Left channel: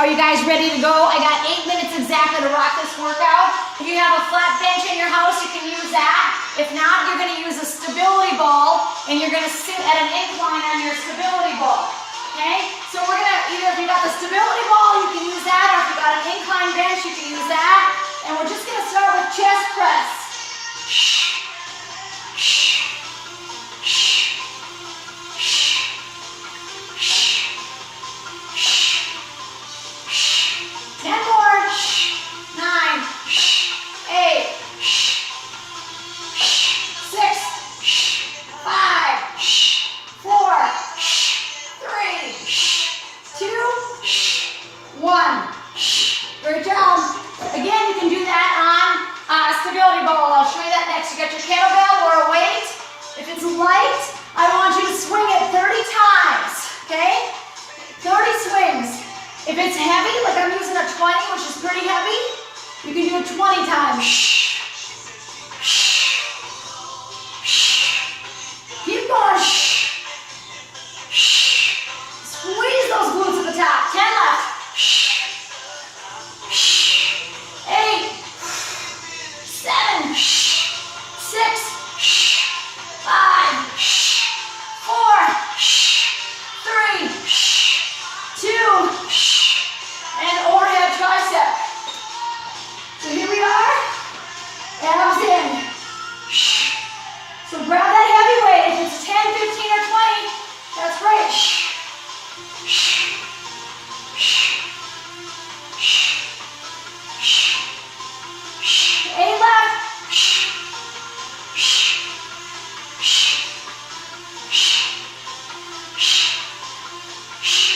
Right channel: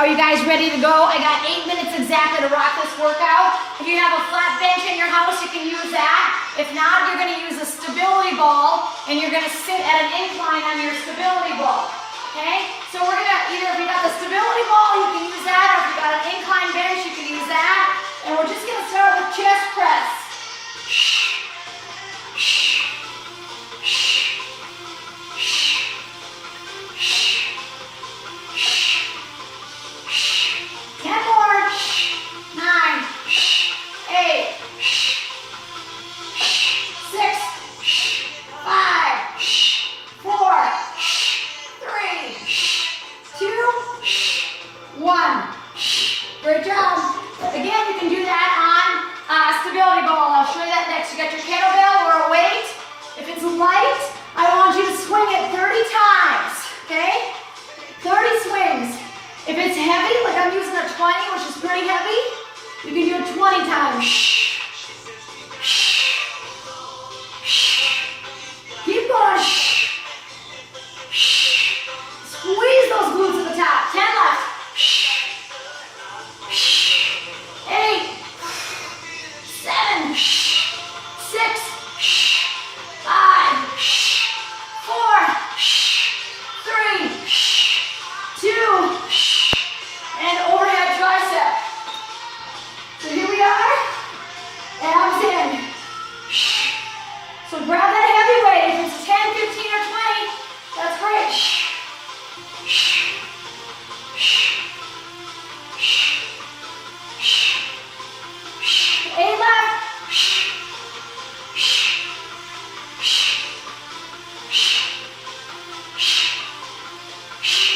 Are you guys ready to go? I got 8 minutes exactly to rock this workout. If you have a flat bench in your house, you can use that. If not, you're gonna use a stability ball and you're gonna sit at an incline on your stability ball, okay? So we're gonna, either if you got the stability ball, you can use that, or if you got an incline bench, you can use that. And we're just gonna start with chest press. Shh, shh, shh, shh, shh, shh, shh. 10 more. Shh. 9, shh. 8, shh. Shh. 6, shh. 5, shh. 4, shh. 3, shh. 2, shh. 1, shh. Great job. Again, you can do that on a stability ball. I'll show you that next. You got your kettlebell or a weight. If it's light, I want you to swing it 30 times, okay? 30 swings. If it's heavy, like I'm using a 20, which is pretty heavy, you can do it 20 times. Shh. Shh. Shh. Keep going. Shh. Shh. Squeeze those glutes at the top. 10 left. Shh. Shh. 8, 7, shh. 6, shh. 5, shh. 4, shh. 3, shh. 2, shh. And overhead tricep. So here we are. Abs in. Shh. So grab that heavy weight. If it's 10, 15, or 20, that's great. Shh. Shh. Shh. Shh. Shh. Shh. 8 left. Shh. Shh. Shh. Shh. Shh. Shh.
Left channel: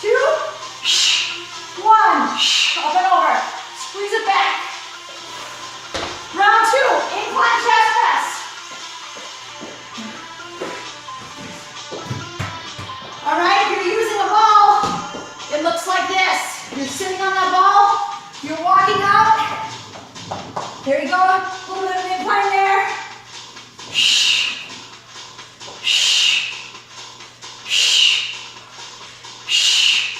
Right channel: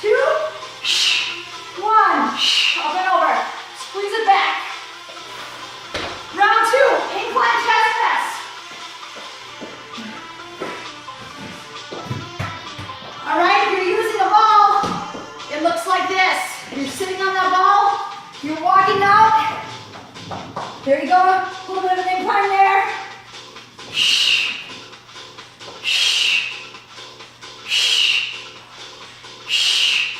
2. Shh. 1. Shh. Up and over. Squeeze it back. Round 2. Incline chest press. All right. If you're using a ball, it looks like this. You're sitting on that ball. You're walking out. There you go. A little bit of an incline there. Shh. Shh. Shh. Shh.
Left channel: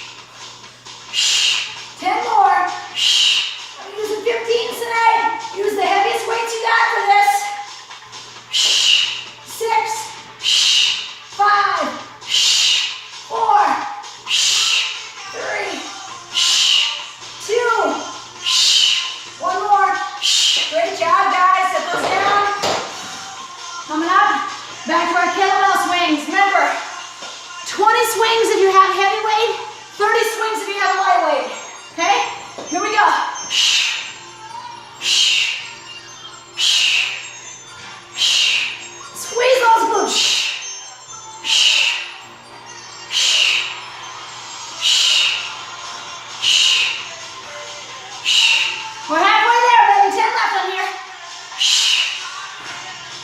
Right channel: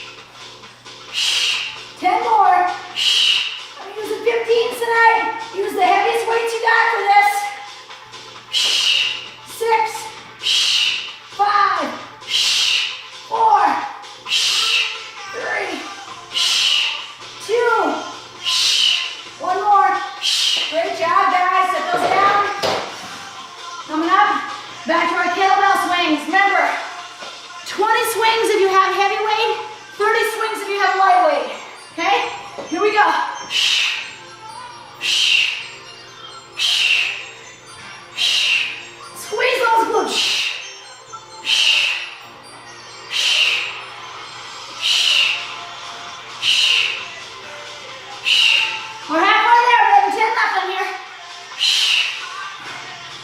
Shh. 10 more. Shh. I'm using 15s tonight. Use the heaviest weights you got for this. Shh. 6. Shh. 5. Shh. 4. Shh. 3. Shh. 2. Shh. 1 more. Shh. Great job, guys. Set those down. Coming up, back to our kettlebell swings. Remember, 20 swings if you have heavy weight, 30 swings if you have light weight. Okay? Here we go. Shh. Shh. Shh. Shh. Squeeze those glutes. Shh. Shh. Shh. Shh. Shh. Shh. We're halfway there, baby. 10 left on here. Shh.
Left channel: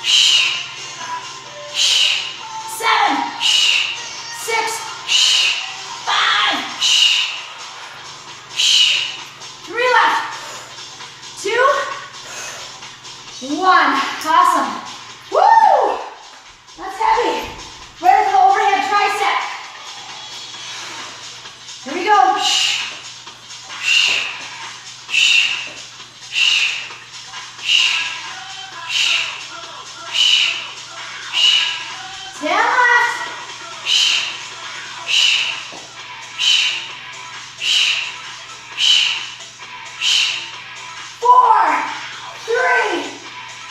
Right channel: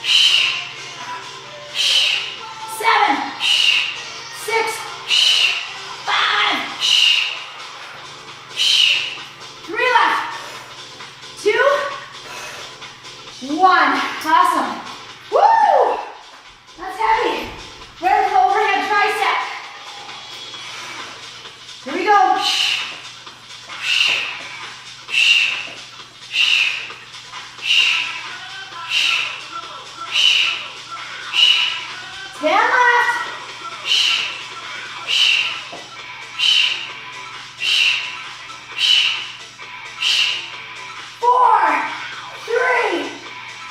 Shh. Shh. 7. Shh. 6. Shh. 5. Shh. Shh. 3 left. 2. 1. Awesome. Woo! That's heavy. Ready for the overhead tricep. Here we go. Shh. Shh. Shh. Shh. Shh. Shh. Shh. Shh. 10 left. Shh. Shh. Shh. Shh. Shh. Shh. 4, 3,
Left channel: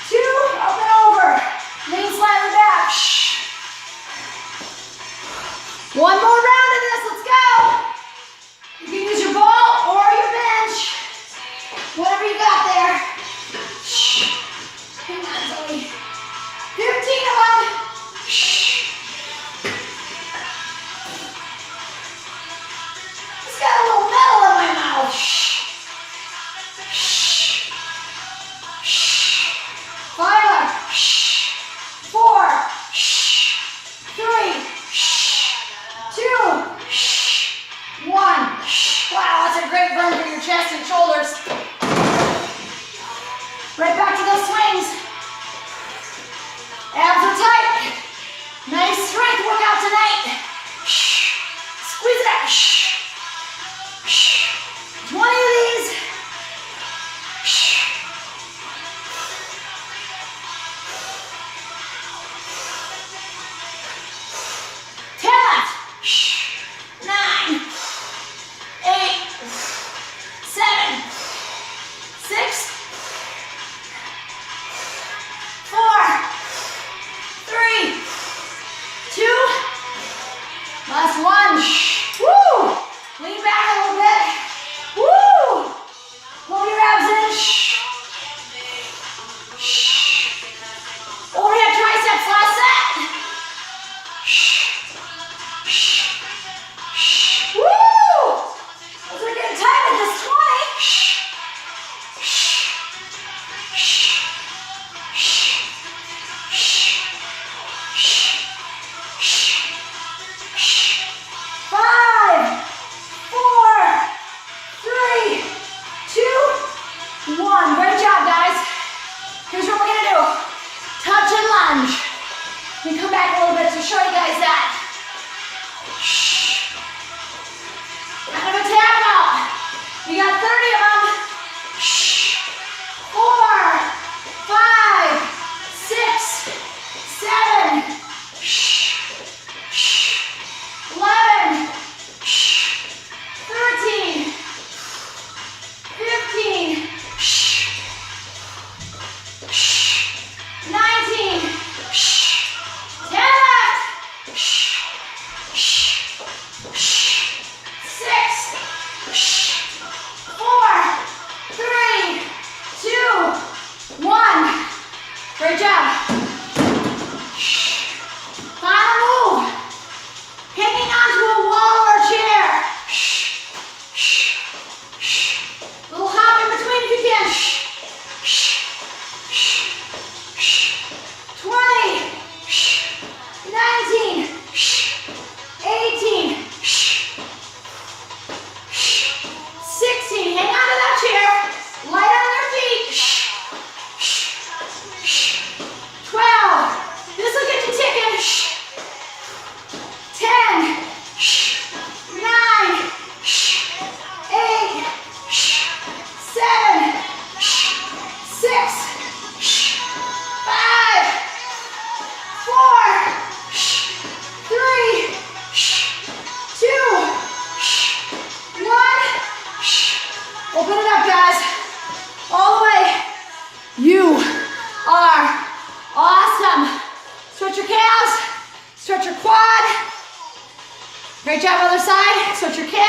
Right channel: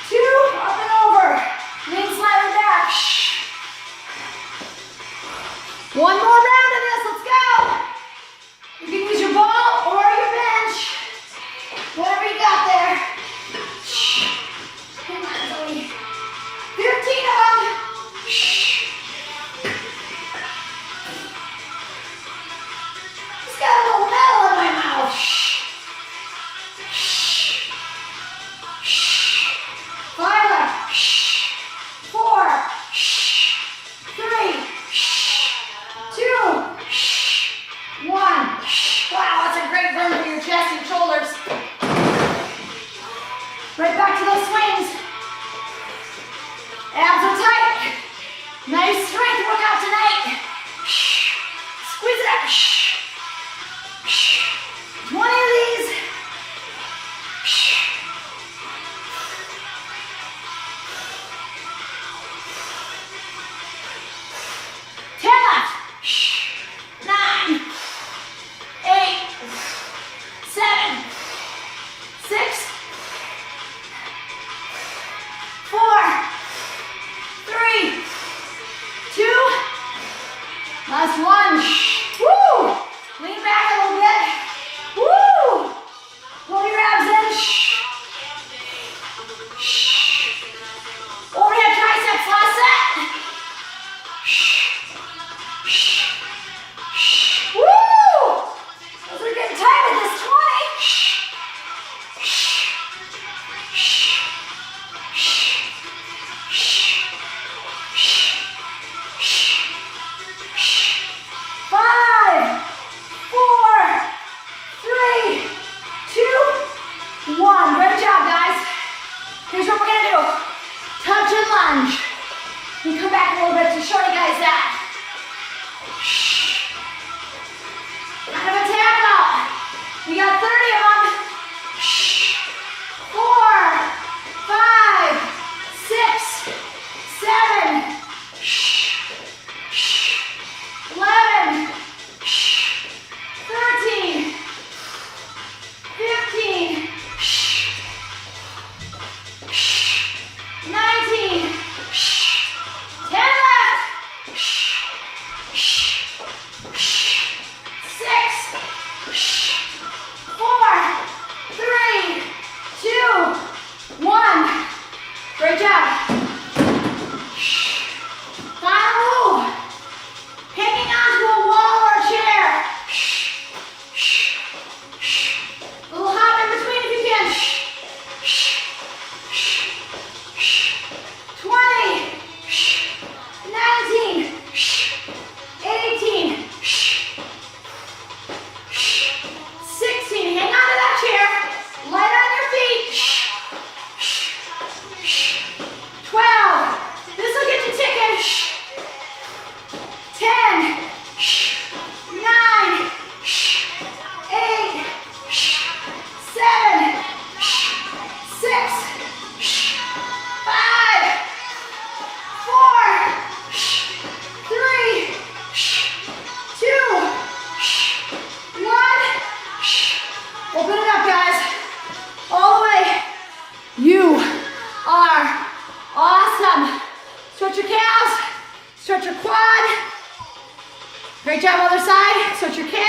2, up and over. Lean slightly back. Shh. 1 more round of this. Let's go. You can use your ball or your bench. Whatever you got there. Shh. Hang on, Zoe. 15 of them. Shh. Just got a little metal in my mouth. Shh. Shh. Shh. 5 left. Shh. 4. Shh. 3. Shh. 2. Shh. 1. Shh. Wow, that's a great burn for your chest and shoulders. Right back to those swings. Abs are tight. Nice strength workout tonight. Shh. Squeeze it out. Shh. Shh. Great job, other side. Switch your calf.